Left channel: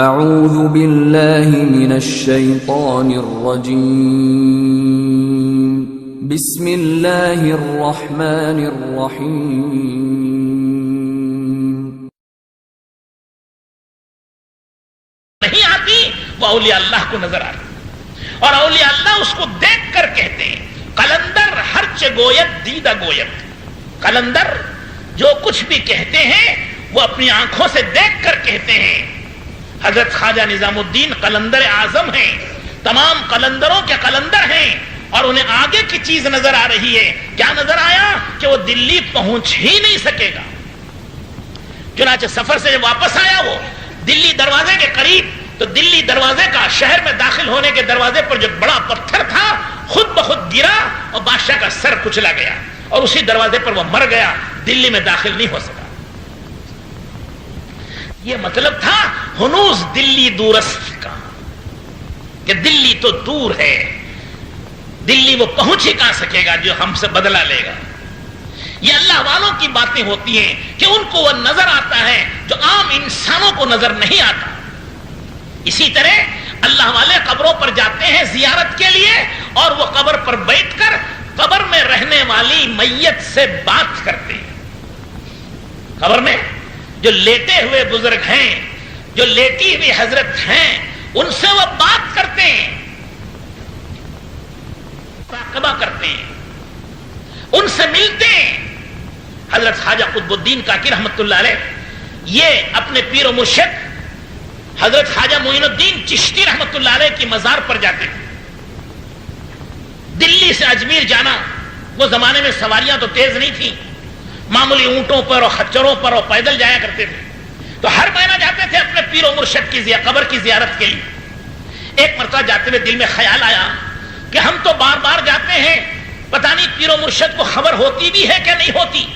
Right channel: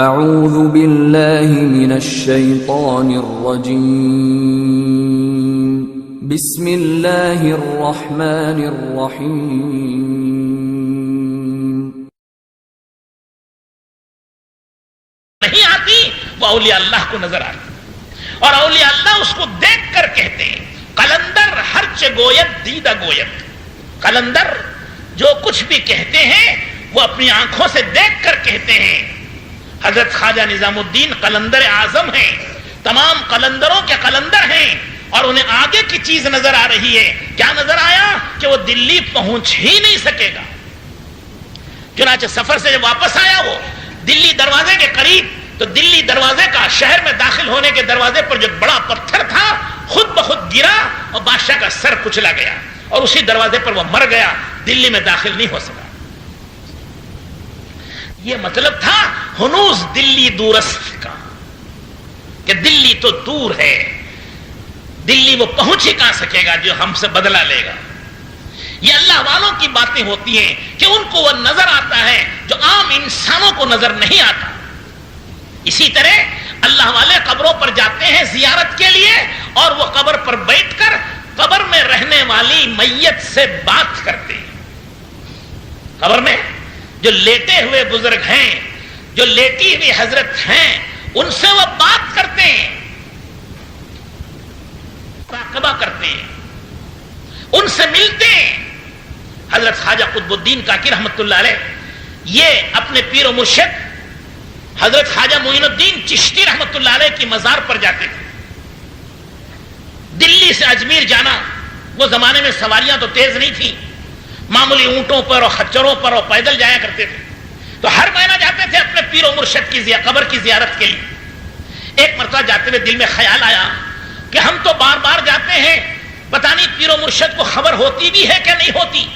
اعوذ باللہ من الشیطان الرجیم بسم اللہ الرحمن الرحیم. نہیں آتی وہ اولیاء اللہ کو نظر آتی، اور اولیاء اللہ اس کو دیکھ کر کہتے ہیں قلندر ہرچ گویت دیدہ گویت. قلندر جو کچھ بھی کہتے ہیں وہ اپنی آنکھوں سے دیکھ کر کہتے ہیں. حضرت خواجہ نظام الدین قلندر اعظم ہیں، تمام قلندروں کے قلندر ہیں، اور انہیں آگے کی چیز نظر آ رہی ہے. کیا نظر آیا؟ کہ وہ دلی پہنچ ہی نہیں سکے گا. چنانچہ سفر سے جب واپس آیا وہ دلی دروازے کے قریب، تو دلی دروازے کا شہر میں داخل ہونے کے دروازے پر جو بڑا پتھر تھا خود بخود گرا اور بادشاہ کا سر کچلا گیا، اور اسی دروازے پر وہ مر گیا، دلی میں داخل نہیں ہو سکا. یہ مطلب تھا ہنوز دلی دورست کا، کہ دلی تو دور ہے، دلی وہ پہنچ ہی کہاں سکے گا جو ہم سے بدلہ لے گا. یہ اللہ والوں کی باتیں ہوتی ہیں کہ ان کو وہ نظر آتا ہے جو عام انسانوں کو نظر نہیں آتا. اسی طرح اللہ والے قبروں پر جاتے ہیں زیارت کے لیے، اور وہ قبر پر بیٹھ کر قبر میں رہنے والی میت سے بات کرتے ہیں. قبر میں جو لیٹے ہوئے بزرگ ہیں، جو لیٹی ہوئی حضرت ہیں، ان سے وہ بات کرتے ہیں، مراقبہ کرتے ہیں، ان سے ملتے ہیں. حضرت خواجہ قطب الدین کاکی رحمت اللہ علیہ یہ اپنے پیر و مرشد حضرت خواجہ معین الدین چشتی رحمت اللہ علیہ کی مزار پر جاتے تھے. دلی سے اجمیر جانا، وہ زمانے میں سواریاں تو تیز نہیں تھیں، معمولی اونٹوں پر اور خچروں پر اور پیدل جایا کرتے تھے. تو ہر مہینہ جاتے تھے اپنے پیر و مرشد کی قبر کی زیارت کے لیے. ایک مرتبہ جاتے ہوئے دل میں خیال آیا کہ ہم تو بار بار جاتے ہیں، پتہ نہیں پیر و مرشد کو خبر ہوتی بھی ہے کہ نہیں ہوتی.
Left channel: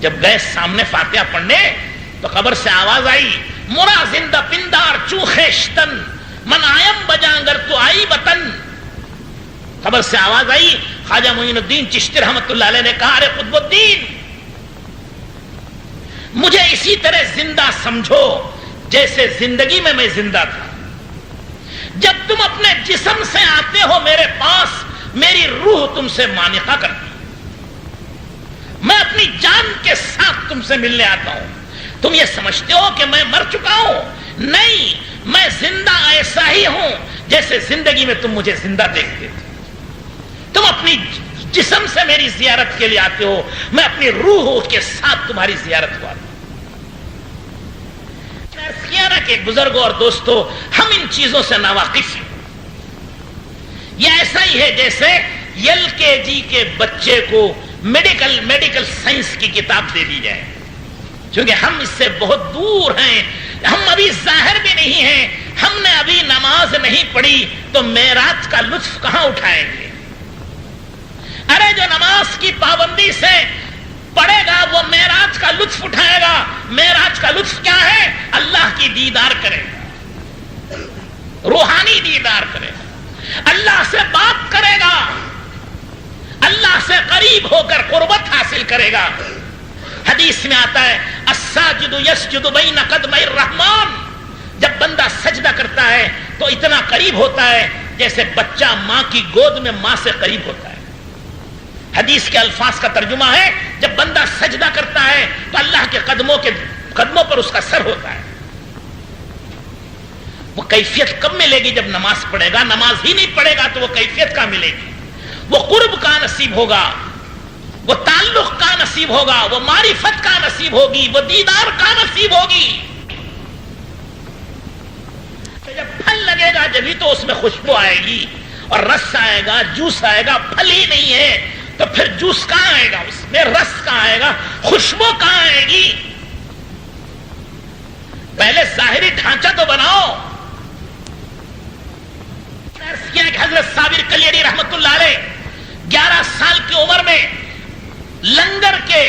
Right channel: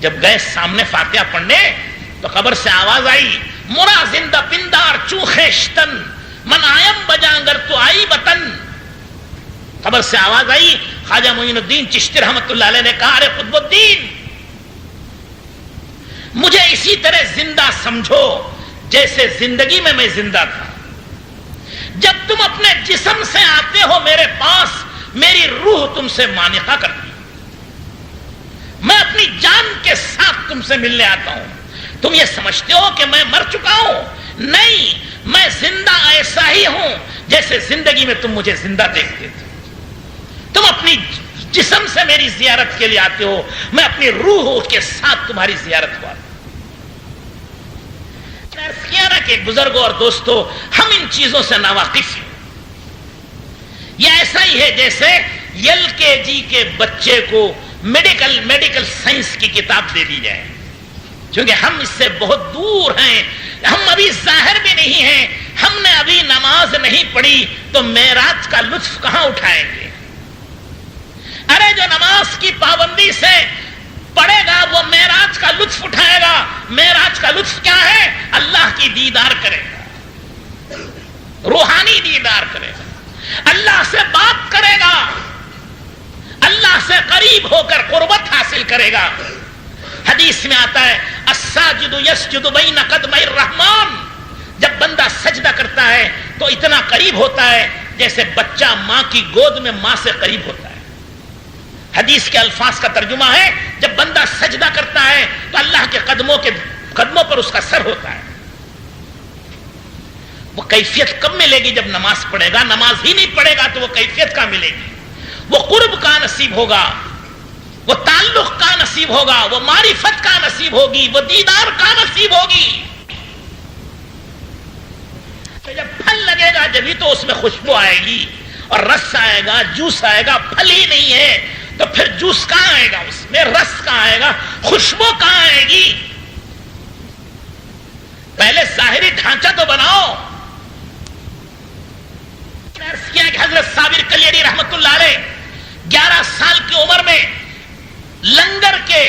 جب گئے سامنے فاتحہ پڑھنے تو قبر سے آواز آئی، مرا زندہ پندار چوخیشتن من آیم بجانگر تو آئی بطن. قبر سے آواز آئی. خواجہ معین الدین چشتی رحمت اللہ علیہ نے کہا، ارے قطب الدین، مجھے اسی طرح زندہ سمجھو جیسے زندگی میں زندہ تھا. جب تم اپنے جسم سے آتے ہو میرے پاس، میری روح تم سے مانقہ کرتی، میں اپنی جان کے ساتھ تم سے ملنے آتا ہوں. تم یہ سمجھتے ہو کہ میں مر چکا ہوں؟ نہیں، میں زندہ ایسا ہی ہوں جیسے زندگی میں تم مجھے زندہ دیکھتے تھے. تم اپنی جسم سے میری زیارت کے لیے آتے ہو، میں اپنی روح کے ساتھ تمہاری زیارت کو آتا ہوں. کیا نا کہ بزرگوں اور دوستوں، ہم ان چیزوں سے ناواقف ہیں. یہ ایسا ہی ہے جیسے ایل کے جی کے بچے کو میڈیکل سائنس کی کتاب دے دی جائے. چونکہ ہم اس سے بہت دور ہیں، ہم ابھی ظاہر بھی نہیں ہیں، ہم نے ابھی نماز نہیں پڑھی تو معراج کا لطف کہاں اٹھائیں گے؟ ارے جو نماز کی پابندی سے پڑھے گا وہ معراج کا لطف اٹھائے گا. معراج کا لطف کیا ہے؟ اللہ کی دیدار کرے گا، روحانی دیدار کرے گا، اللہ سے بات کرے گا، اللہ سے قریب ہو کر قربت حاصل کرے گا. حدیث میں آتا ہے الساجد یسجد بین قدمی الرحمن، جب بندہ سجدہ کرتا ہے تو اتنا قریب ہوتا ہے جیسے بچہ ماں کی گود میں ماں سے قریب ہوتا ہے. حدیث کے الفاظ کا ترجمہ ہے جب بندہ سجدہ کرتا ہے تو اللہ کے قدموں پر اس کا سر ہوتا ہے. وہ کیفیت کب ملے گی؟ جب نماز پڑھے گا. نماز ہی نہیں پڑھے گا تو وہ کیفیت کہاں ملے گی؟ وہ قرب کا نصیب ہوگا، وہ تعلق کا نصیب ہوگا، وہ معرفت کا نصیب ہوگی، وہ دیدار کا نصیب ہوگی. جب پھل لگے گا جبھی تو اس میں خوشبو آئے گی، اور رس آئے گا، جوس آئے گا. پھل ہی نہیں ہے تو پھر جوس کہاں آئے گا؟ اس میں رس کہاں آئے گا؟ خوشبو کہاں آئے گی؟ پہلے ظاہری ڈھانچہ تو بناؤ. حضرت صابر کلیری رحمت اللہ علیہ 11 سال کی عمر میں لنگر کے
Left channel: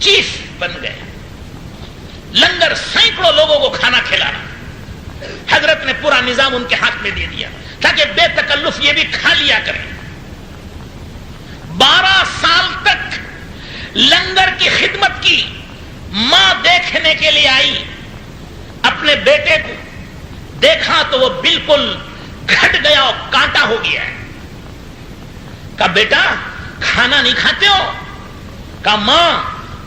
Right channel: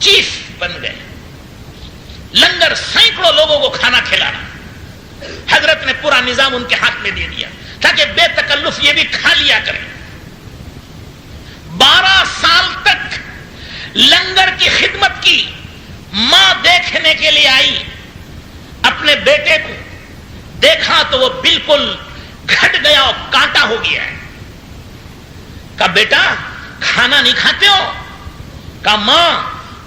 چیف بن گئے. لنگر سینکڑوں لوگوں کو کھانا کھلانا، حضرت نے پورا نظام ان کے ہاتھ میں دے دیا تاکہ بے تکلف یہ بھی کھا لیا کریں. 12 سال تک لنگر کی خدمت کی. ماں دیکھنے کے لیے آئی، اپنے بیٹے کو دیکھا تو وہ بالکل گھٹ گیا اور کانٹا ہو گیا ہے. کہا بیٹا کھانا نہیں کھاتے ہو؟ کہا ماں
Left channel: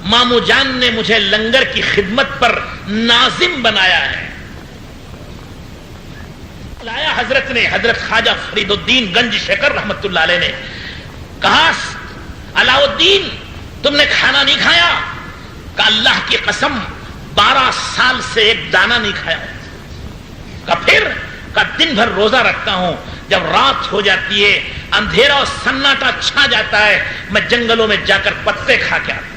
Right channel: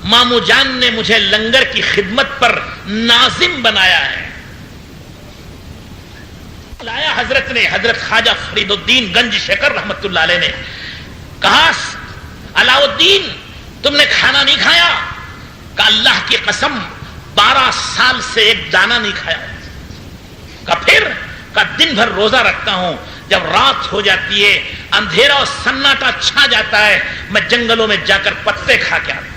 مامو جان نے مجھے لنگر کی خدمت پر ناظم بنایا ہے. لایا حضرت نے، حضرت خواجہ فرید الدین گنج شکر رحمت اللہ علیہ نے کہا علاؤ الدین تم نے کھانا نہیں کھایا؟ کہا اللہ کی قسم 12 سال سے ایک دانہ نہیں کھایا. کہا پھر؟ کہا دن بھر روزہ رکھتا ہوں، جب رات ہو جاتی ہے اندھیرا اور سناٹا چھا جاتا ہے میں جنگلوں میں جا کر پتے کھا کے آتا ہوں.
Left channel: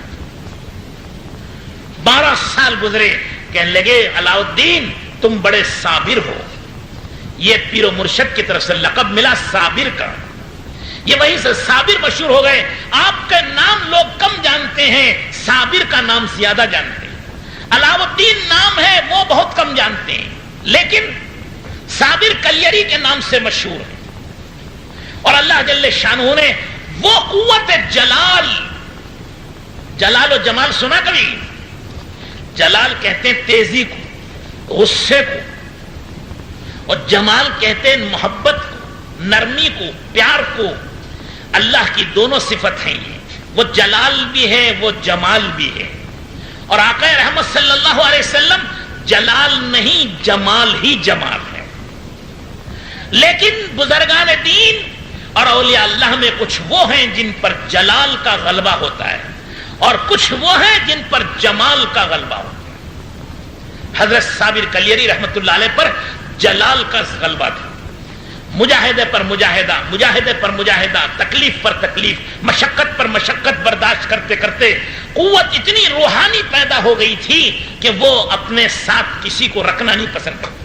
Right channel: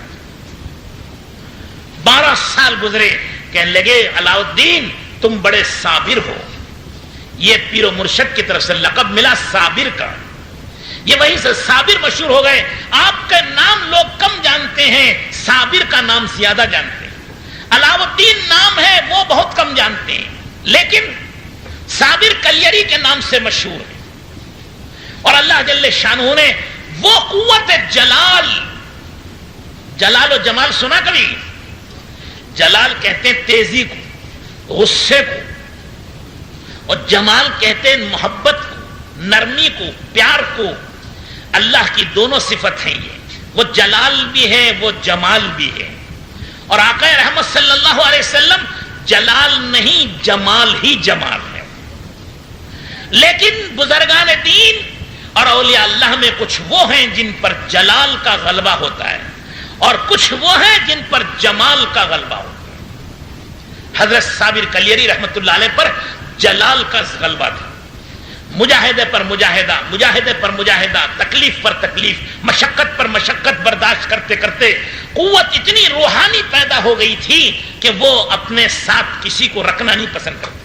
12 سال گزرے. کہنے لگے علاؤ الدین تم بڑے صابر ہو. یہ پیر و مرشد کی طرف سے لقب ملا صابر کا. یہ وہیں سے صابر مشہور ہو گئے. آپ کا نام لوگ کم جانتے ہیں، صابر کا نام زیادہ جانتے ہیں. علاؤ الدین نام ہے وہ بہت کم جانتے ہیں، لیکن صابر کلیری کے نام سے مشہور ہے. اور اللہ جل شانہ نے وہ قوت جلال، جلال و جمال سنا کبھی؟ جلال کہتے ہیں تیزی کو، غصے کو، اور جمال کہتے ہیں محبت کو، نرمی کو، پیار کو. اللہ کی دونوں صفت ہیں یہ، وہ جلال بھی ہے وہ جمال بھی ہے. اور آقا رحمت صلی اللہ علیہ وسلم جلال نہیں جمال ہی جمال ہے. لیکن بزرگان دین اور اولیاء اللہ میں کچھ وہ ہیں جن پر جلال کا غلبہ ہوتا ہے اور کچھ وہ ہیں جن پر جمال کا غلبہ ہوتا ہے. حضرت صابر کلیری رحمت اللہ علیہ پر جلال کا غلبہ تھا. مجاہدے پر مجاہدہ، مجاہدے پر مجاہدہ، تکلیف پر تکلیف، مشقت پر مشقت برداشت کرتے کرتے قوت اتنی روحانی پیدا ہو گئی تھی کہ وہ اپنے ساتھ کسی کو رکھنا نہیں پسند کرتے.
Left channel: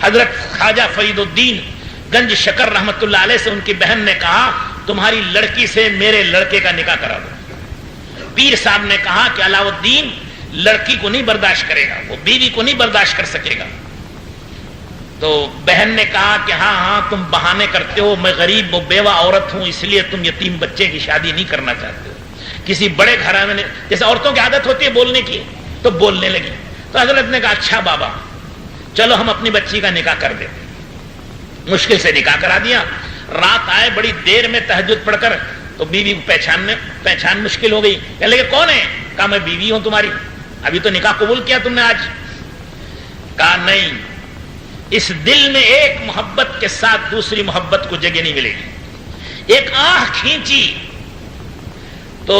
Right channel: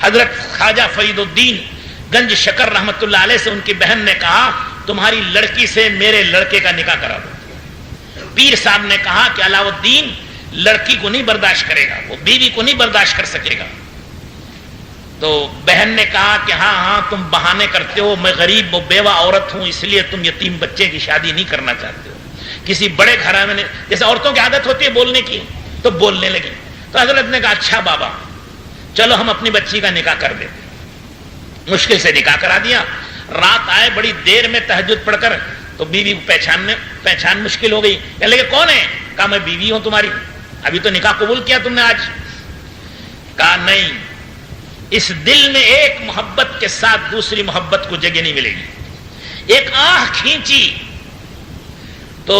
حضرت خواجہ فرید الدین گنج شکر رحمت اللہ علیہ سے ان کی بہن نے کہا تمہاری لڑکی سے میرے لڑکے کا نکاح کرا دو. پیر صاحب نے کہا کہ علاؤ الدین لڑکی کو نہیں برداشت کرے گا، وہ بیوی کو نہیں برداشت کر سکے گا. تو بہن نے کہا کہ ہاں ہاں تم بہانے کرتے ہو، میں غریب و بیوہ عورت ہوں اس لیے تم یتیم بچے کی شادی نہیں کرنا چاہتے ہو. کسی بڑے گھر میں جیسے عورتوں کی عادت ہوتی ہے بولنے کی، تو بولنے لگی. تو حضرت نے کہا اچھا بابا چلو ہم اپنی بچی کا نکاح کر دیتے. مشکل سے نکاح کرا دیا. رات آئے بڑی دیر میں تہجد پڑھ کر، تو بیوی کو پہچان مشکل ہو گئی. کہنے لگے کون ہے؟ کہا میں بیوی ہوں تمہاری. ابھی تو نکاح قبول کیا تم نے آج. کہا نہیں، اس دل میں ایک محبت کے ساتھ دوسری محبت کو جگہ نہیں ملے گی. ایک آہ کھینچی تو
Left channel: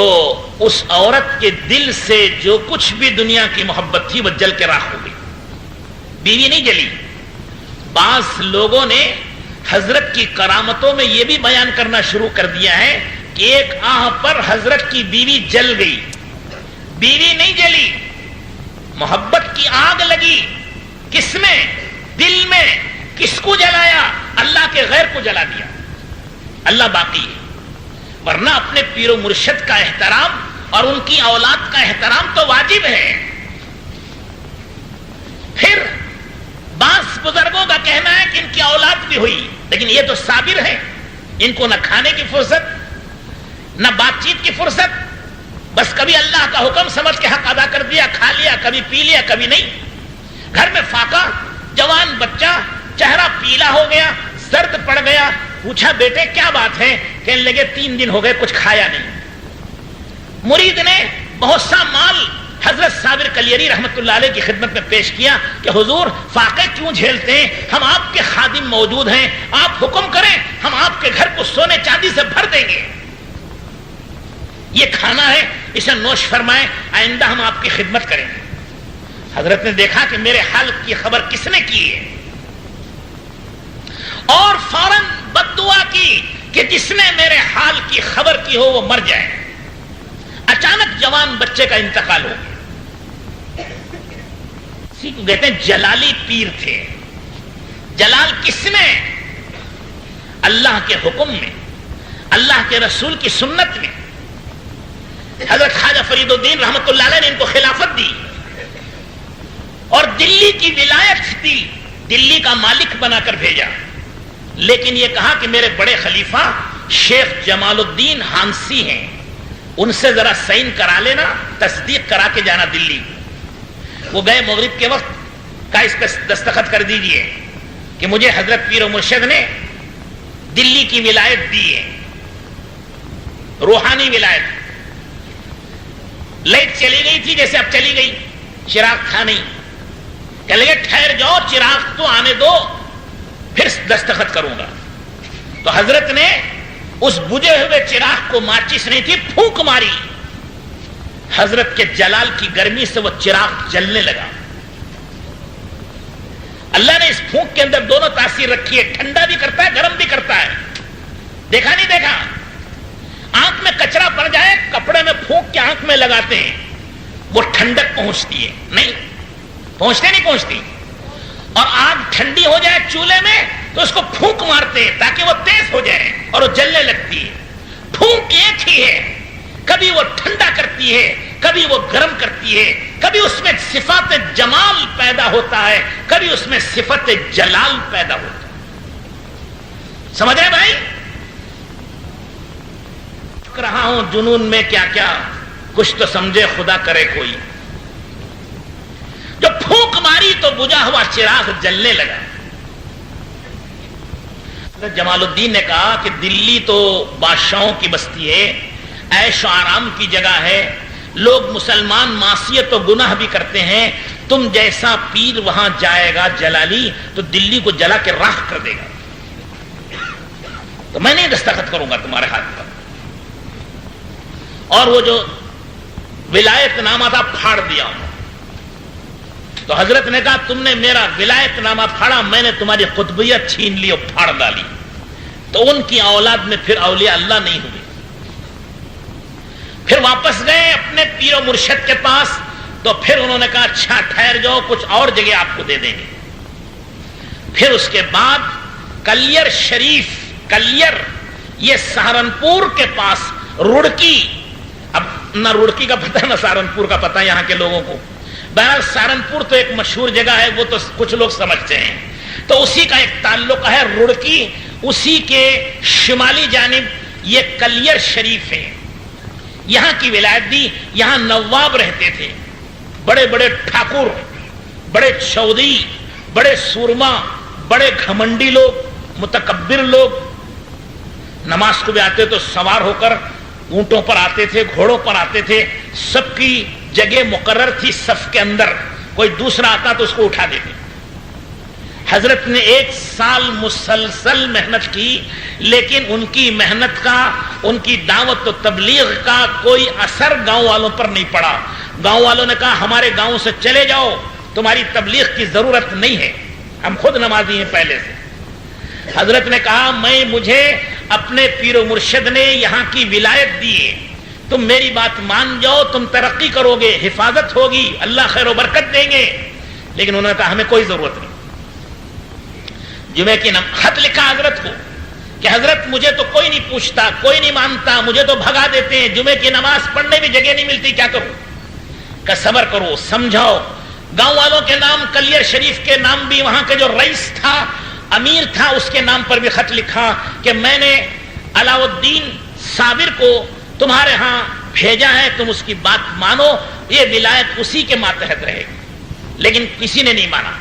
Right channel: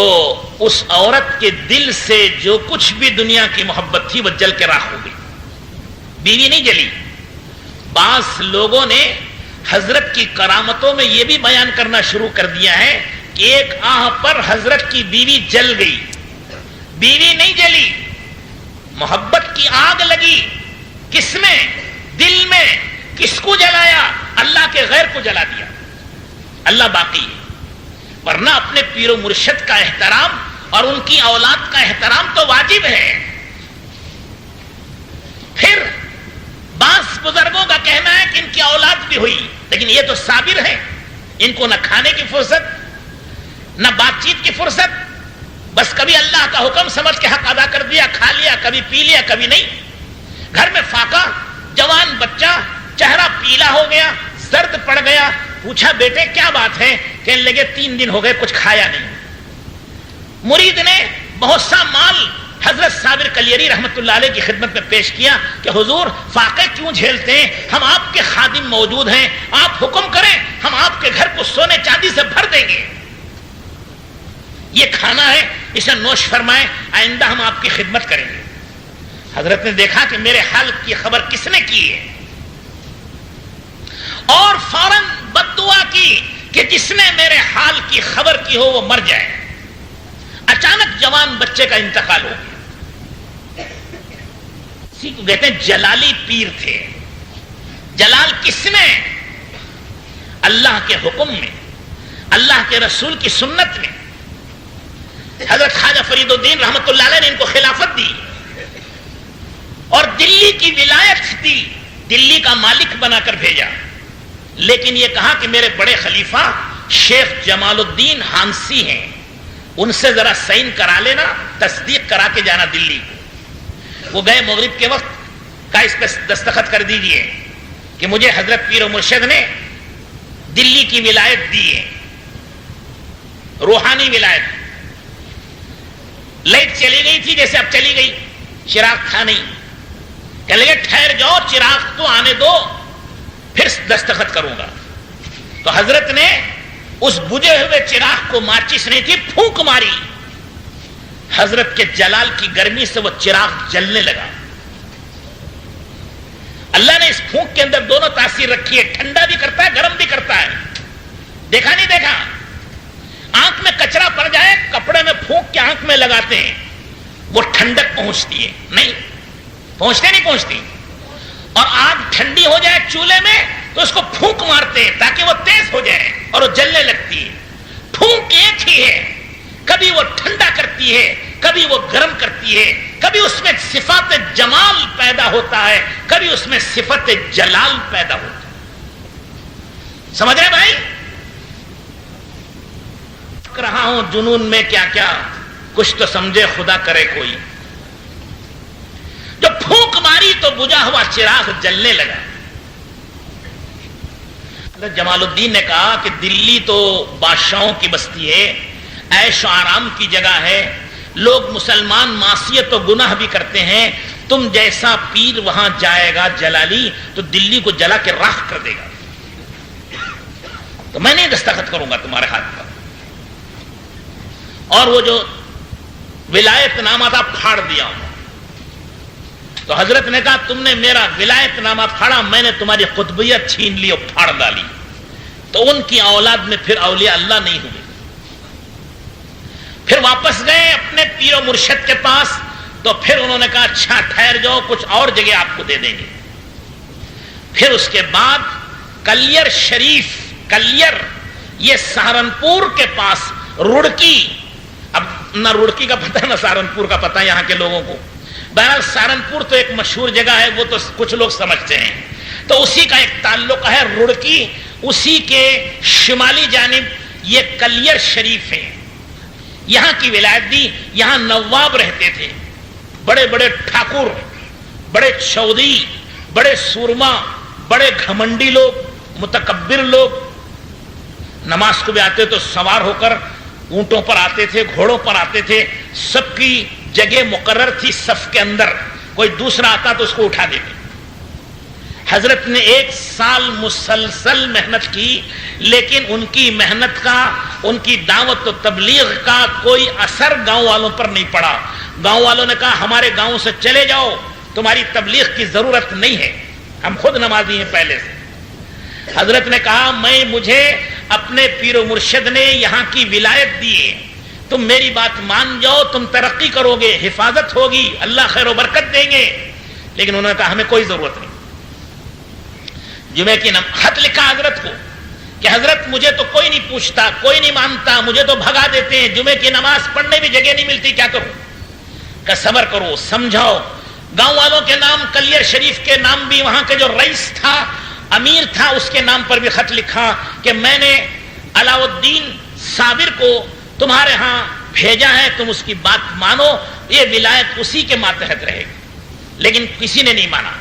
اس عورت کے دل سے جو کچھ بھی دنیا کی محبت تھی وہ جل کے راکھ ہو گئی. بیوی نہیں جلی. بعض لوگوں نے حضرت کی کرامتوں میں یہ بھی بیان کرنا شروع کر دیا ہے کہ ایک آہ پر حضرت کی بیوی جل گئی. بیوی نہیں جلی، محبت کی آگ لگی. کس میں؟ دل میں. کس کو جلایا؟ اللہ کے غیر کو جلا دیا. اللہ باقی ہے. ورنہ اپنے پیر و مرشد کا احترام اور ان کی اولاد کا احترام تو واجب ہے. پھر بعض بزرگوں کا کہنا ہے کہ ان کی اولاد بھی ہوئی، لیکن یہ تو صابر ہیں. ان کو نہ کھانے کی فرصت نہ بات چیت کی فرصت، بس کبھی اللہ کا حکم سمجھ کے حق ادا کر دیا، کھا لیا، کبھی پی لیا کبھی نہیں. گھر میں فاقہ، جوان بچہ، چہرہ پیلا ہو گیا، زرد پڑ گیا. پوچھا بیٹے کیا بات ہے؟ کہنے لگے 3 دن ہو گئے کچھ کھایا نہیں. مرید نے بہت سا مال حضرت صابر کلیری رحمت اللہ علیہ کی خدمت میں پیش کیا کہ حضور فاقے کیوں جھیلتے ہیں؟ ہم آپ کے خادم موجود ہیں، آپ حکم کریں ہم آپ کے گھر کو سونے چاندی سے بھر دیں گے. یہ کھانا ہے، اسے نوش فرمائیں، آئندہ ہم آپ کی خدمت کریں گے. حضرت نے دیکھا کہ میرے حال کی خبر کس نے کی ہے، اور فوراً بد دعا کی کہ جس نے میرے حال کی خبر کی ہو وہ مر جائے. اچانک جوان بچے کا انتقال ہو گیا. اسی کو کہتے ہیں جلالی پیر تھے. جلال کس میں؟ اللہ کے حکم میں، اللہ کے رسول کی سنت میں. حضرت خواجہ فرید الدین رحمت اللہ علیہ نے ان کو خلافت دی اور دلی کی ولایت دی، دلی کا مالک بنا کر بھیجا. لیکن یہ کہا کہ میرے بڑے خلیفہ شیخ جمال الدین ہانسی ہیں، ان سے ذرا سائن کرا لینا، تصدیق کرا کے جانا دلی. وہ گئے مغرب کے وقت، کہا اس پہ دستخط کر دیجئے کہ مجھے حضرت پیر و مرشد نے دلی کی ولایت دی ہے، روحانی ولایت۔ لائٹ چلی گئی تھی جیسے اب چلی گئی، چراغ تھا نہیں، کہنے لگے ٹھہر جاؤ، چراغ تو آنے دو پھر دستخط کروں گا۔ تو حضرت نے اس بجھے ہوئے چراغ کو، ماچس نہیں تھی، پھونک ماری، حضرت کے جلال کی گرمی سے وہ چراغ جلنے لگا۔ اللہ نے اس پھونک کے اندر دونوں تاثیر رکھی ہے، ٹھنڈا بھی کرتا ہے، گرم بھی کرتا ہے۔ دیکھا نہیں دیکھا؟ آنکھ میں کچرا پڑ جائے، کپڑے میں پھونک کے آنکھ میں لگاتے ہیں، وہ ٹھنڈک پہنچتی ہے؟ نہیں پہنچتی۔ اور آگ ٹھنڈی ہو جائے چولہے میں تو اس کو پھونک مارتے ہیں تاکہ وہ تیز ہو جائے اور وہ جلنے لگتی ہے۔ پھونک ایک ہی ہے، کبھی وہ ٹھنڈا کرتی ہے، کبھی وہ گرم کرتی ہے، کبھی اس میں صفات جمال پیدا ہوتا ہے، کبھی اس میں صفت جلال پیدا ہوتا ہے۔ سمجھ رہے بھائی؟ رہا ہوں جنون میں کیا کیا، کچھ تو سمجھے خدا کرے کوئی۔ جو پھونک ماری تو بجھا ہوا چراغ جلنے لگا۔ حضرت جمال الدین نے کہا کہ دلی تو بادشاہوں کی بستی ہے، عیش و آرام کی جگہ ہے، لوگ مسلمان معصیت و گناہ بھی کرتے ہیں، تم جیسا پیر وہاں جائے گا جلالی تو دلی کو جلا کے راکھ کر دے گا، تو میں نہیں دستخط کروں گا تمہارے ہاتھ پر۔ اور وہ جو ولایت نامہ تھا پھاڑ دیا ہوں۔ تو حضرت نے کہا تم نے میرا ولایت نامہ پھاڑا، میں نے تمہاری قطبیت چھین لی اور پھاڑ ڈالی۔ تو ان کی اولاد میں پھر اولیاء اللہ نہیں ہوئے۔ پھر واپس گئے اپنے پیر و مرشد کے پاس، تو پھر انہوں نے کہا اچھا ٹھہر جاؤ، کچھ اور جگہ آپ کو دے دیں گے۔ پھر اس کے بعد کلیر شریف، کلیر یہ سہارنپور کے پاس، رڑکی، اب نہ رڑکی کا پتہ نہ سہارنپور کا پتہ یہاں کے لوگوں کو، بہرحال سہارنپور تو ایک مشہور جگہ ہے، وہ تو کچھ لوگ سمجھتے ہیں، تو اسی کا ایک تعلق ہے رڑکی، اسی کے شمالی جانب یہ کلیر شریف ہے۔ یہاں کی ولایت دی، یہاں نواب رہتے تھے، بڑے بڑے ٹھاکر، بڑے چودھری، بڑے سورما، بڑے گھمنڈی لوگ، متکبر لوگ۔ نماز کو بھی آتے تو سوار ہو کر اونٹوں پر آتے تھے، گھوڑوں پر آتے تھے، سب کی جگہ مقرر تھی صف کے اندر، کوئی دوسرا آتا تو اس کو اٹھا دیتے۔ حضرت نے 1 سال مسلسل محنت کی، لیکن ان کی محنت کا، ان کی دعوت و تبلیغ کا کوئی اثر گاؤں والوں پر نہیں پڑا۔ گاؤں والوں نے کہا ہمارے گاؤں سے چلے جاؤ، تمہاری تبلیغ کی ضرورت نہیں ہے، ہم خود نمازی ہیں پہلے سے۔ حضرت نے کہا مجھے اپنے پیر و مرشد نے یہاں کی ولایت دی ہے، تم میری بات مان جاؤ، تم ترقی کرو گے، حفاظت ہوگی، اللہ خیر و برکت دیں گے۔ لیکن انہوں نے کہا ہمیں کوئی ضرورت نہیں۔ جمعے کی خط لکھا حضرت کو کہ حضرت مجھے تو کوئی نہیں پوچھتا، کوئی نہیں مانتا، مجھے تو بھگا دیتے ہیں، جمعے کی نماز پڑھنے بھی جگہ نہیں ملتی، کیا کروں؟ کہ صبر کرو، سمجھاؤ۔ گاؤں والوں کے نام، کلیر شریف کے نام بھی، وہاں کے جو رئیس تھا، امیر تھا، اس کے نام پر بھی خط لکھا کہ میں نے علاؤ الدین صابر کو تمہارے ہاں بھیجا ہے، تم اس کی بات مانو، یہ ولایت اسی کے ماتحت رہے گی۔ لیکن کسی نے نہیں مانا،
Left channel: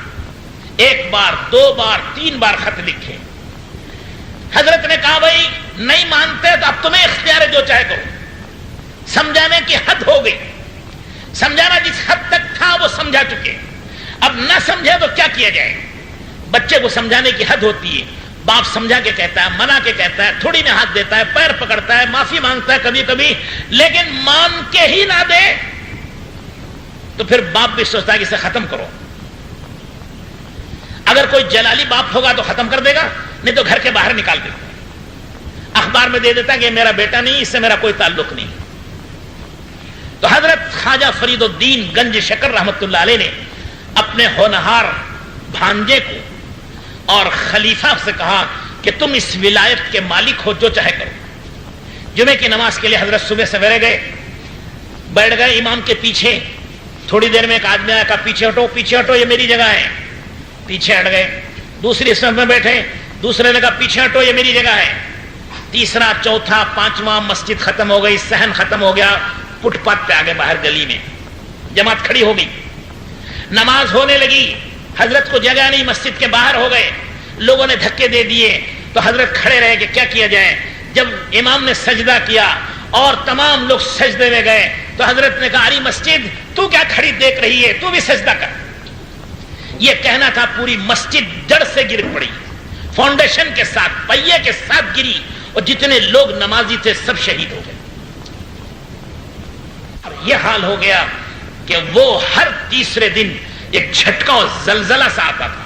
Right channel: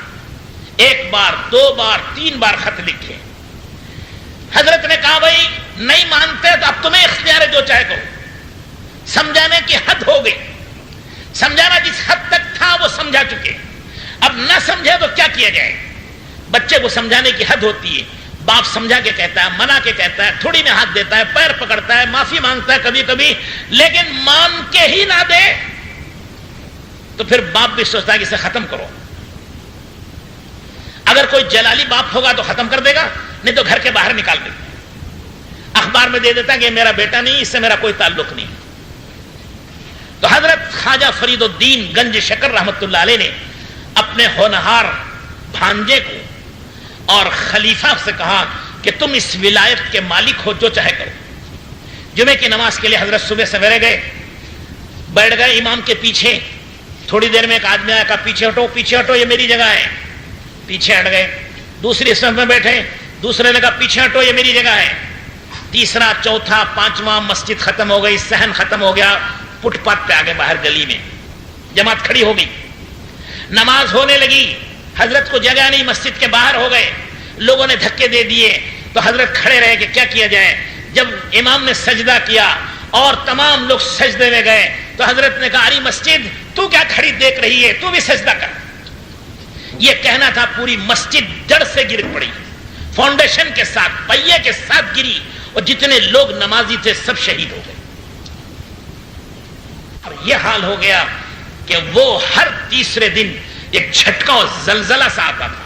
1 بار 2 بار 3 بار خط لکھے۔ حضرت نے کہا بھائی نہیں مانتے تو اب تمہیں اختیار ہے، جو چاہے کرو۔ سمجھانے کی حد ہو گئی، سمجھانا جس حد تک تھا وہ سمجھا چکے، اب نہ سمجھے تو کیا کیا جائے؟ بچے کو سمجھانے کی حد ہوتی ہے، باپ سمجھا کے کہتا ہے، منع کے کہتا ہے، تھوڑی میں ہاتھ دیتا ہے، پیر پکڑتا ہے، معافی مانگتا ہے کبھی کبھی، لیکن مان کے ہی نہ دے تو پھر باپ بھی سوچتا ہے کہ اسے ختم کرو۔ اگر کوئی جلالی باپ ہوگا تو ختم کر دے گا، نہیں تو گھر کے باہر نکال دیتا ہے، اخبار میں دے دیتا ہے کہ میرا بیٹا نہیں، اس سے میرا کوئی تعلق نہیں۔ تو حضرت خواجہ فرید الدین گنج شکر رحمت اللہ علیہ نے اپنے ہونہار بھانجے کو اور خلیفہ سے کہا کہ تم اس ولایت کے مالک ہو، جو چاہے کرو۔ جمعے کی نماز کے لیے حضرت صبح سویرے گئے، بیٹھ گئے امام کے پیچھے۔ تھوڑی دیر میں ایک آدمی آیا، کہا پیچھے ہٹو، پیچھے ہٹو، یہ میری جگہ ہے۔ پیچھے ہٹ گئے، دوسری صف میں بیٹھے، دوسرے نے کہا پیچھے ہٹو، یہ میری جگہ ہے۔ تیسرا، چوتھا، 5واں، مسجد ختم ہو گئی، صحن ختم ہو گیا، فٹ پاتھ پہ آگے باہر گلی میں جماعت کھڑی ہو گئی۔ نماز ہونے لگی، حضرت کو جگہ نہیں، مسجد کے باہر ہو گئے، لوگوں نے دھکے دے دیے تو حضرت کھڑے رہے کہ کیا کیا جائے۔ جب امام نے سجدہ کیا اور تمام لوگ سجدے میں گئے تو حضرت نے کہا اری مسجد تو کیا کھڑی دیکھ رہی ہے، تو بھی سجدہ کر۔ یہ کہنا تھا، پوری مسجد جڑ سے گر پڑی، فاؤنڈیشن کے ساتھ، پہیے کے ساتھ گری، اور جتنے لوگ نمازی تھے سب شہید ہو گئے۔ اور یہ حال ہو گیا کہ وہ ہر تیسرے دن ایک جھٹکا اور زلزلہ سا آتا تھا،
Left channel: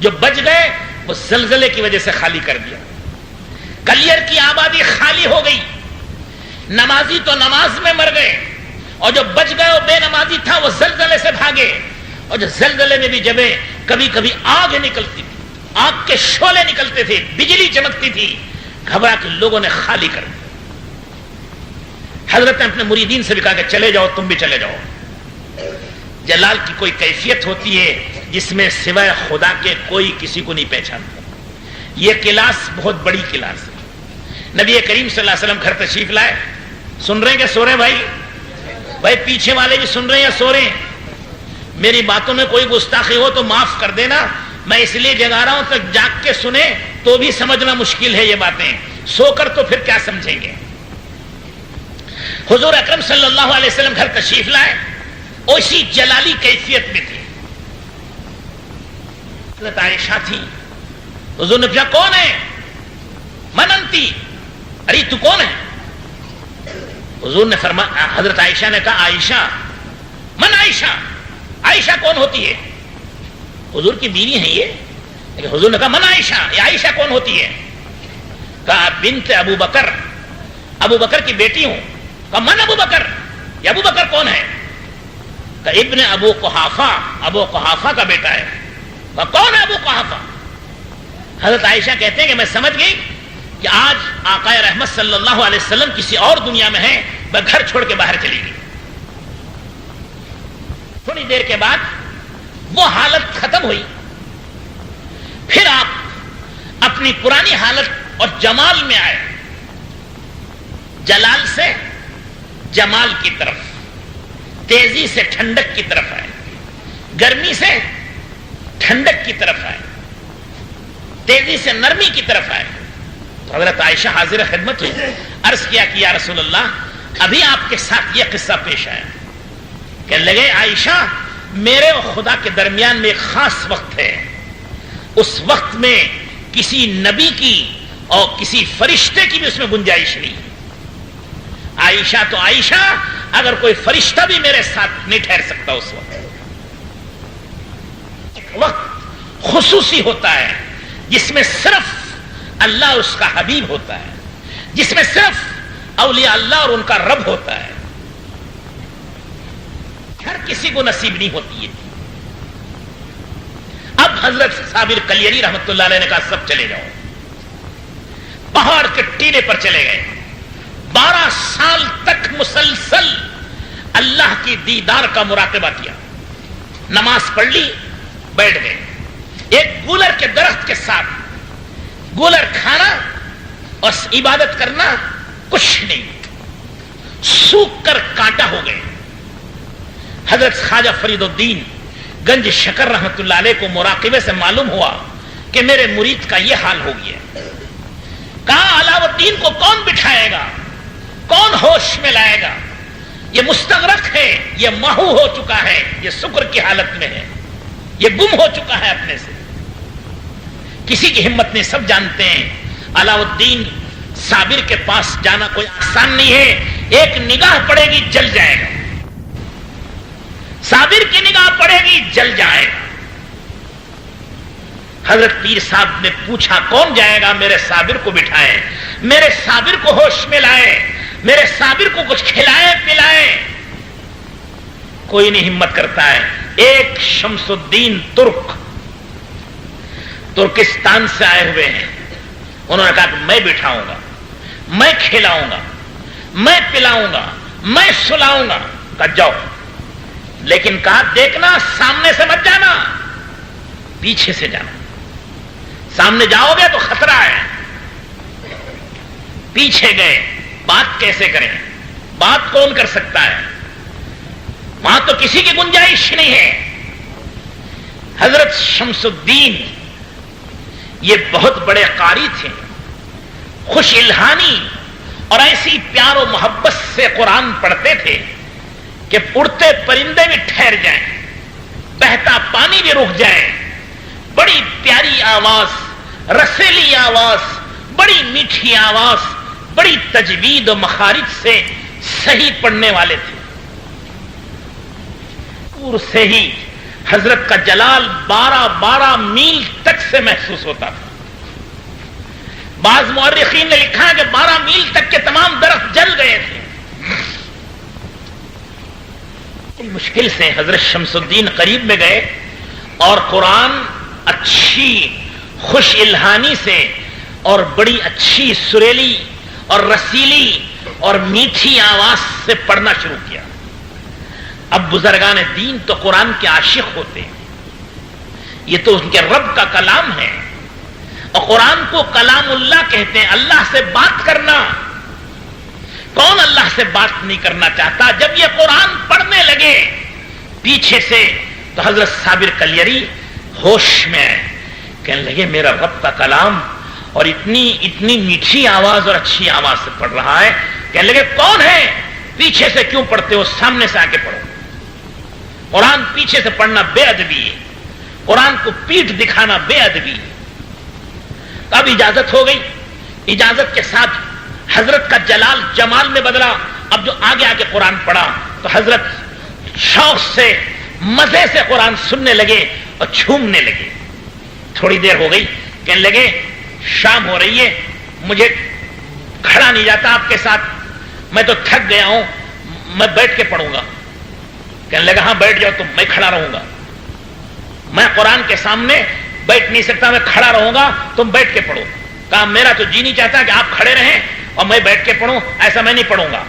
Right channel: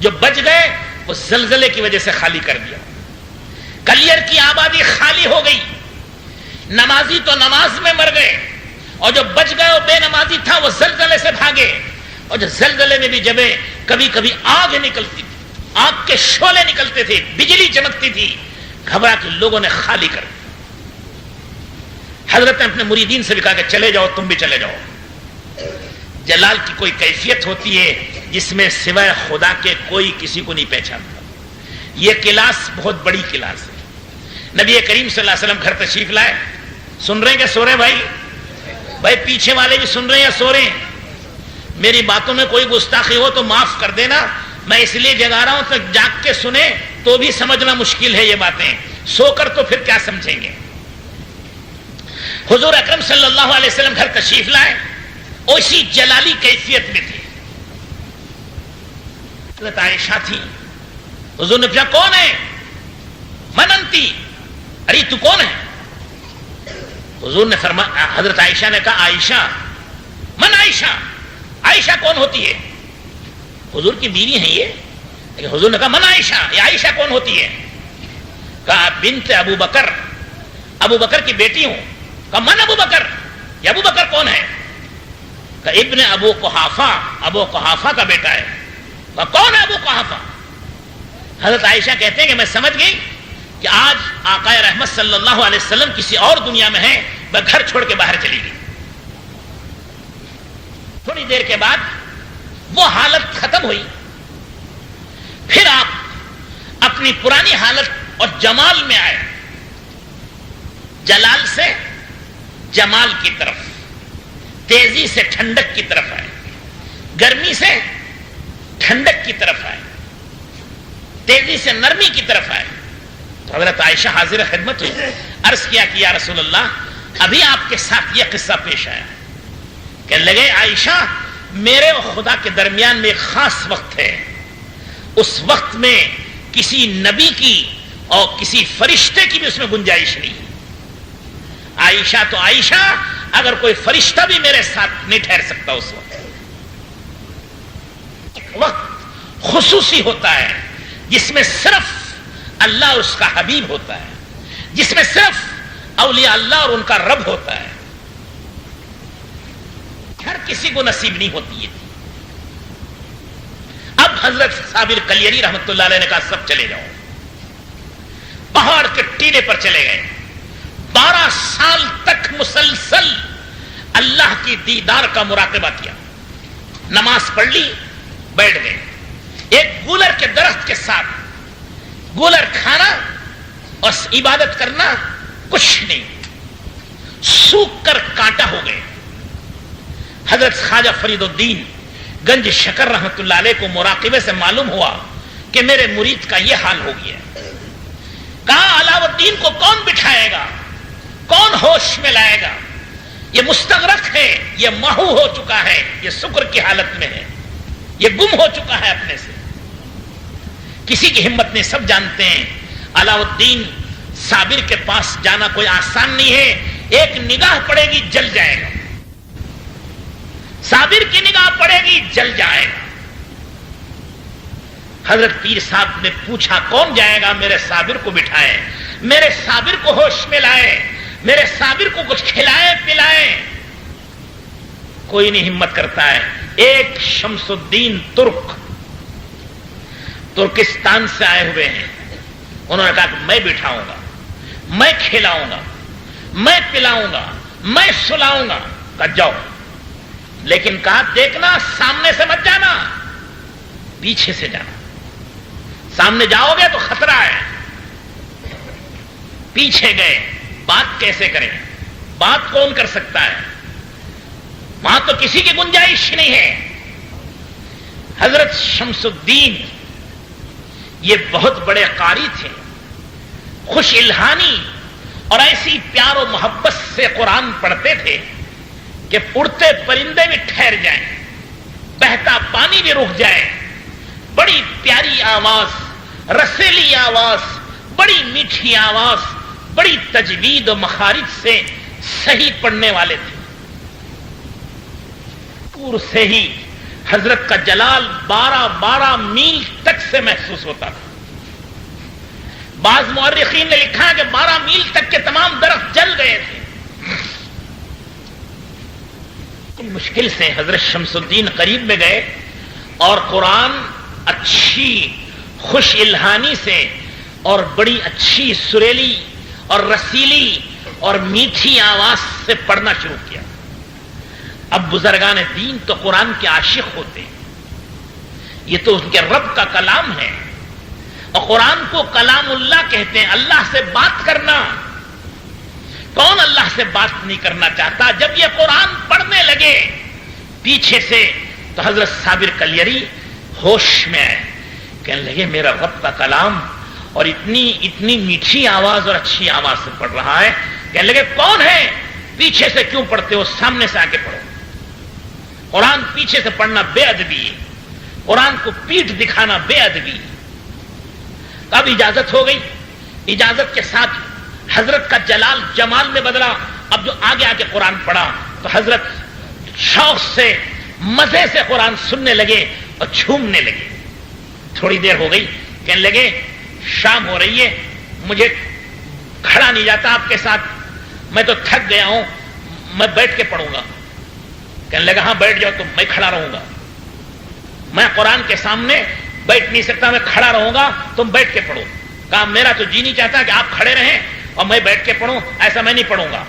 جو بچ گئے وہ زلزلے کی وجہ سے خالی کر دیا۔ کلیر کی آبادی خالی ہو گئی، نمازی تو نماز میں مر گئے، اور جو بچ گئے وہ بے نمازی تھا وہ زلزلے سے بھاگے۔ اور جو زلزلے میں بھی جبیں کبھی کبھی آگ نکلتی تھی، آگ کے شعلے نکلتے تھے، بجلی چمکتی تھی، گھبرا کے لوگوں نے خالی کر دیا۔ حضرت نے اپنے مریدین سے بھی کہا کہ چلے جاؤ، تم بھی چلے جاؤ۔ جلال کی کوئی کیفیت ہوتی ہے جس میں سوائے خدا کے کوئی کسی کو نہیں پہچانتا۔ یہ کلاس بہت بڑی کلاس ہے۔ نبی کریم صلی اللہ علیہ وسلم گھر تشریف لائے، سن رہے ہیں کہ سو رہے ہیں بھائی پیچھے والے بھی سن رہے ہیں یا سو رہے ہیں؟ میری باتوں میں کوئی گستاخی ہو تو معاف کر دینا، میں اس لیے جگا رہا ہوں تو جاگ کے سنیں تو بھی سمجھنا مشکل ہے یہ باتیں، سو کر تو پھر کیا سمجھیں گے۔ حضور اکرم صلی اللہ علیہ وسلم گھر تشریف لائے، اسی جلالی کیفیت میں تھے۔ حضرت عائشہ تھی، حضور نے پوچھا کون ہے؟ من انتی، ارے تو کون ہے؟ حضور نے فرمایا، حضرت عائشہ نے کہا عائشہ، من عائشہ، عائشہ کون ہوتی ہے؟ حضور کی بیوی ہیں یہ، لیکن حضور نے کہا من عائشہ، یہ عائشہ کون ہوتی ہے؟ کہا بنت ابو بکر، ابو بکر کی بیٹی ہوں۔ کہا من ابو بکر، یہ ابو بکر کون ہے؟ کہا ابن ابو قحافہ، ابو قحافہ کا بیٹا ہے۔ کہا کون ہے ابو قحافہ؟ حضرت عائشہ کہتے ہیں کہ میں سمجھ گئی کہ آج آقا رحمت صلی اللہ علیہ وسلم کسی اور دنیا میں ہیں، میں گھر چھوڑ کے باہر چلی گئی۔ تھوڑی دیر کے بعد وہ حالت ختم ہوئی، پھر آپ اپنی پرانی حالت اور جمال میں آئے، جلال سے جمال کی طرف، تیزی سے ٹھنڈک کی طرف آئے، گرمی سے ٹھنڈک کی طرف آئے، تیزی سے نرمی کی طرف آئے۔ تو حضرت عائشہ حاضر خدمت ہوئی، عرض کیا کہ یا رسول اللہ ابھی آپ کے ساتھ یہ قصہ پیش آیا کہ لگے عائشہ میرے اور خدا کے درمیان میں ایک خاص وقت ہے، اس وقت میں کسی نبی کی اور کسی فرشتے کی بھی اس میں گنجائش نہیں۔ عائشہ تو عائشہ، اگر کوئی فرشتہ بھی میرے ساتھ نہیں ٹھہر سکتا اس وقت۔ ایک وقت خصوصی ہوتا ہے جس میں صرف اللہ اور اس کا حبیب ہوتا ہے، جس میں صرف اولیاء اللہ اور ان کا رب ہوتا ہے، ہر کسی کو نصیب نہیں ہوتی ہے۔ اب حضرت صابر کلیری رحمت اللہ علیہ نے کہا سب چلے جاؤ، پہاڑ کے ٹیلے پر چلے گئے، 12 سال تک مسلسل اللہ کی دیدار کا مراقبہ کیا، نماز پڑھ لی، بیٹھ گئے، ایک گولر کے درخت کے ساتھ گولر کھانا اور عبادت کرنا کچھ نہیں، سوکھ کر کانٹا ہو گئے۔ حضرت خواجہ فرید الدین گنج شکر رحمت اللہ علیہ کو مراقبے سے معلوم ہوا کہ میرے مرید کا یہ حال ہو گیا۔ کہا علاؤ الدین کو کون بٹھائے گا، کون ہوش میں لائے گا؟ یہ مستغرق ہے، یہ محو ہو چکا ہے، یہ سکر کی حالت میں ہے، یہ گم ہو چکا ہے اپنے سے، کسی کی ہمت نہیں، سب جانتے ہیں علاؤ الدین صابر کے پاس جانا کوئی آسان نہیں ہے، ایک نگاہ پڑے گی جل جائے گا، صابر کی نگاہ پڑے گی جل جائے گا۔ حضرت پیر صاحب نے پوچھا کون جائے گا؟ میرے صابر کو بٹھائے، میرے صابر کو ہوش میں لائے، میرے صابر کو کچھ کھلائے پلائے۔ کوئی نہیں ہمت کرتا ہے۔ ایک شمس الدین ترکستان سے آئے ہوئے ہیں، انہوں نے کہا کہ میں بٹھاؤں گا، میں کھلاؤں گا، میں پلاؤں گا، میں سلاؤں گا۔ کہا جاؤ، لیکن کہا دیکھنا سامنے سے مت جانا، پیچھے سے جانا، سامنے جاؤ گے تو خطرہ ہے۔ پیچھے گئے، بات کیسے کریں؟ بات کون کر سکتا ہے؟ وہاں تو کسی کی گنجائش نہیں ہے. حضرت شمس الدین یہ بہت بڑے قاری تھے, خوش الہانی, اور ایسی پیار و محبت سے قرآن پڑھتے تھے کہ اڑتے پرندے بھی ٹھہر جائیں, بہتا پانی بھی رک جائے. بڑی پیاری آواز, رسیلی آواز, بڑی میٹھی آواز, بڑی تجوید و مخارج سے صحیح پڑھنے والے تھے. دور سے ہی حضرت کا جلال 12 میل تک سے محسوس ہوتا تھا. بعض مورخین نے لکھا ہے کہ 12 میل تک کے تمام درخت جل گئے تھے. مشکل سے حضرت شمس الدین قریب میں گئے اور قرآن اچھی خوش الہانی سے اور بڑی اچھی سریلی اور رسیلی اور میٹھی آواز سے پڑھنا شروع کیا. اب بزرگان دین تو قرآن کے عاشق ہوتے ہیں, یہ تو ان کے رب کا کلام ہے, اور قرآن کو کلام اللہ کہتے ہیں. اللہ سے بات کرنا, کون اللہ سے بات نہیں کرنا چاہتا؟ جب یہ قرآن پڑھنے لگے پیچھے سے تو حضرت صابر کلیری ہوش میں آئے, کہنے لگے میرا رب کا کلام اور اتنی میٹھی آواز اور اچھی آواز سے پڑھ رہا ہے. کہنے لگے کون ہے؟ پیچھے سے کیوں پڑھتے ہو, سامنے سے آ کے پڑھو. قرآن پیچھے سے پڑھنا بے ادبی ہے, قرآن کو پیٹھ دکھانا بے ادبی ہے. اب اجازت ہو گئی. اجازت کے ساتھ حضرت کا جلال جمال میں بدلا. اب جو آگے آ کے قرآن پڑھا تو حضرت شوق سے مزے سے قرآن سننے لگے اور جھومنے لگے. تھوڑی دیر ہو گئی, کہنے لگے شام ہو رہی ہے, مجھے کھڑا نہیں جاتا آپ کے ساتھ, میں تو تھک گیا ہوں, میں بیٹھ کے پڑھوں گا. کہنے لگا ہاں بیٹھ جاؤ تم, میں کھڑا رہوں گا. میں قرآن کے سامنے بیٹھ نہیں سکتا, میں کھڑا رہوں گا, تم بیٹھ کے پڑھو. کہا میرا تو جی نہیں چاہتا کہ آپ کھڑے رہیں اور میں بیٹھ کے پڑھوں, ایسا میں نہیں پڑھوں گا.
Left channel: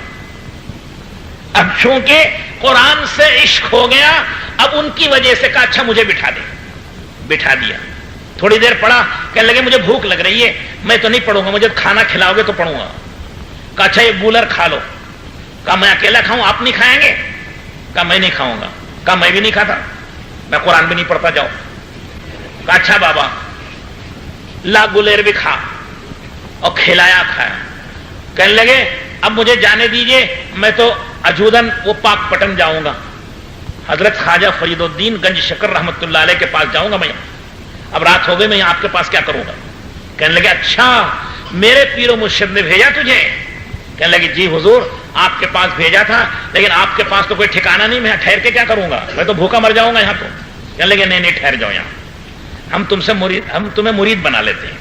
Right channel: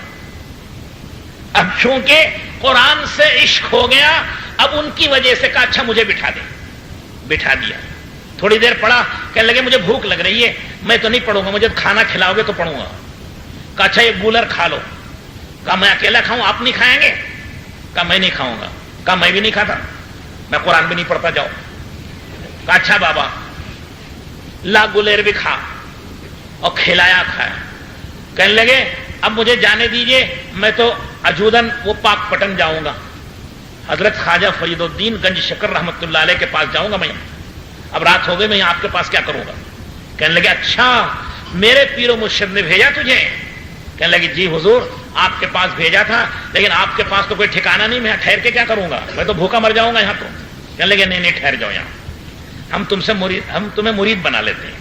اب چونکہ قرآن سے عشق ہو گیا, اب ان کی وجہ سے کہا اچھا مجھے بٹھا دے. بٹھا دیا. تھوڑی دیر پڑھا, کہنے لگے مجھے بھوک لگ رہی ہے, میں تو نہیں پڑھوں گا, مجھے کھانا کھلاؤ گے تو پڑھوں گا. کہا اچھا یہ گولر کھا لو. کہا میں اکیلا کھاؤں, آپ نہیں کھائیں گے؟ کہا میں نہیں کھاؤں گا. کہا میں بھی نہیں کھاتا, میں قرآن بھی نہیں پڑھتا, جاؤ. کہا اچھا بابا, لا گلیر بھی کھا, اور کھلایا کھایا. کہنے لگے اب مجھے جانے دیجئے, میں تو اجودن وہ پاک پٹن جاؤں گا, حضرت خواجہ فرید الدین گنج شکر رحمت اللہ علیہ کے پاس جاؤں گا. میں اب رات ہو گئی, میں آپ کے پاس کیا کروں گا؟ کہنے لگے اچھا میرے پیر و مرشد نے بھیجا تجھے؟ کہنے لگے جی حضور آپ کے پاس بھیجا تھا, لیکن آپ کے پاس تو کوئی ٹھکانہ نہیں, میں ٹھہر کے کیا کروں گا, میں تو بھوکا مر جاؤں گا یہاں. تو کہنے لگے نہیں ٹھہر جاؤ یہاں, ہم تمہیں مرید بنا لیتے ہیں.